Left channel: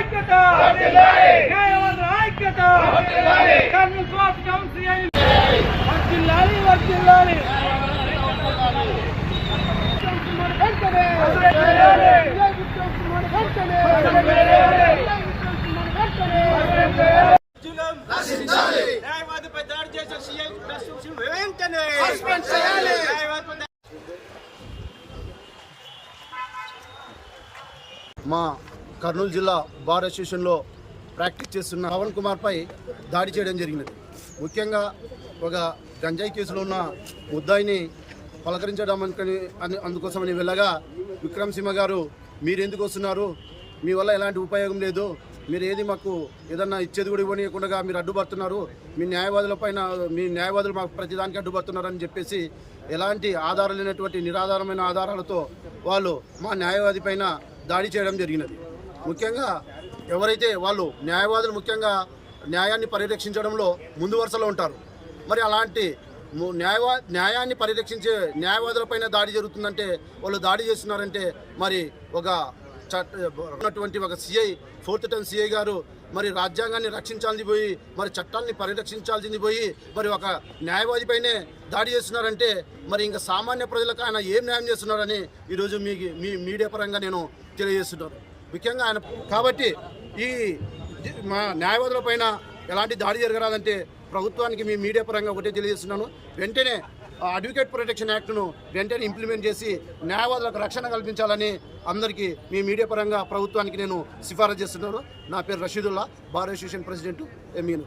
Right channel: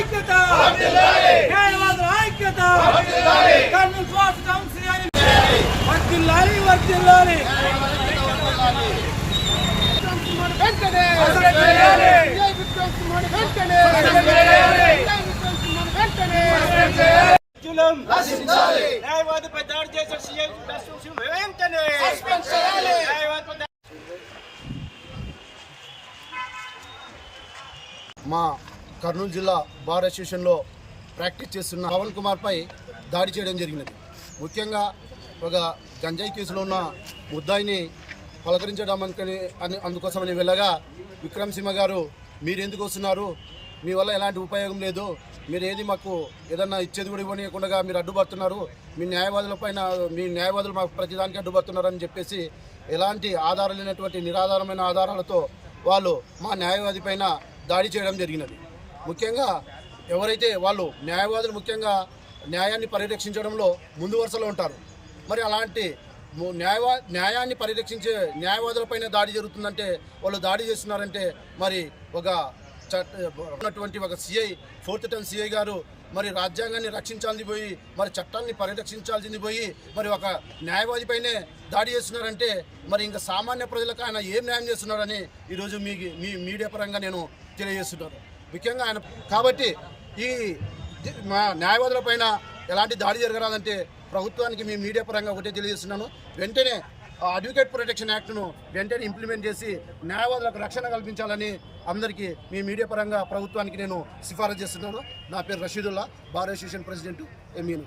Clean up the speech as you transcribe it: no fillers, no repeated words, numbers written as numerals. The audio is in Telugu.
ఐక్యత న్యాయవాదుల ఐక్యత కర్నూలు స్వార్థ కౌన్సిల్ వర్ధిల్లాలి వర్ధిల్లాలి వెంటనే న్యాయవాదిపై దాడి చేసిన సీఐ వెంటనే సస్పెండ్ చేయాలి. మా కర్నూలు జిల్లా బార్ అసోసియేషన్లో ప్రాక్టీస్ చేస్తున్న పవన్ కుమార్పై దాడి చేయడం జరిగినది. ముఖ్యంగా ఒక గంజాయి కేసులో ఉన్న ముద్దాయిని పలకరించడం అందుకోసమని వెళ్ళగా విక్రమ్ సింహ గారు మీరు ఎందుకు వస్తున్నారు, మీ వల్ల ఎలాంటి ఉపయోగం లేదు, మీరు ఏది మాకు ఏదన్నా ఇచ్చేది కూడా ఇవ్వనీయకుండా మీరు అడ్డుపడుతున్నారు, మీ న్యాయవాదులు మాకు ప్రతిదానికి అడ్డుపడుతున్నారని చెప్పేసి ఎలాంటి ఆధారాలు లేనటువంటి నిరాధారమైన ఆధారాలతో వాళ్ళు మా న్యాయవాది పైన దాడి చేయడం జరిగినది. ముఖ్యంగా ఎవరైతే వాళ్ళు న్యాయవాదులు ముఖ్యంగా న్యాయాన్ని పరిరక్షించడంలో ముందు వరుసలో ఉంటారు. మరి అలాంటి న్యాయాన్ని పరిరక్షించే న్యాయవాదులపైన దాడి జరుగుతుందంటే వాళ్ళు దాడి చేస్తున్నారంటే మరి ఉన్నటువంటి ఒక సిఐ 4th టర్మ్ సిఐ గారు మరి రాజ్యాంగాన్ని రక్షించాల్సింది పోయి మరి చట్టాన్ని పరిరక్షించాల్సింది పోయి మరి ఒక న్యాయవాది పైనే దాడి చేస్తున్నారంటే మరి ఇంకా సామాన్య ప్రజలకు ఆయన ఏం న్యాయం చేస్తున్నారని ఈరోజు మీ మీడియా పరంగా నేను తెలియజేస్తున్నాను. ముఖ్యంగా ఆయన కాబట్టి ఈ మా న్యాయవాదుల పైన ఎలాంటి దాడి జరగరాదంటే ప్రభుత్వానికి మీ మీడియా పరంగా ఒకటే తెలియజేస్తున్నాను. వెంటనే అడ్వకేట్ ప్రొటెక్షన్ యాక్ట్ను వెంటనే ఇంప్లిమెంట్ చేసి న్యాయవాదులకు రక్షణ కల్పించాలని అందరికీ మీ మీడియా పరంగా ప్రభుత్వానికి నేను సిఫారసు చేస్తున్నాను. నా పేరు రషీదుల్లా, బార్ అసోసియేషన్ ప్రెసిడెంట్, ఎమీను.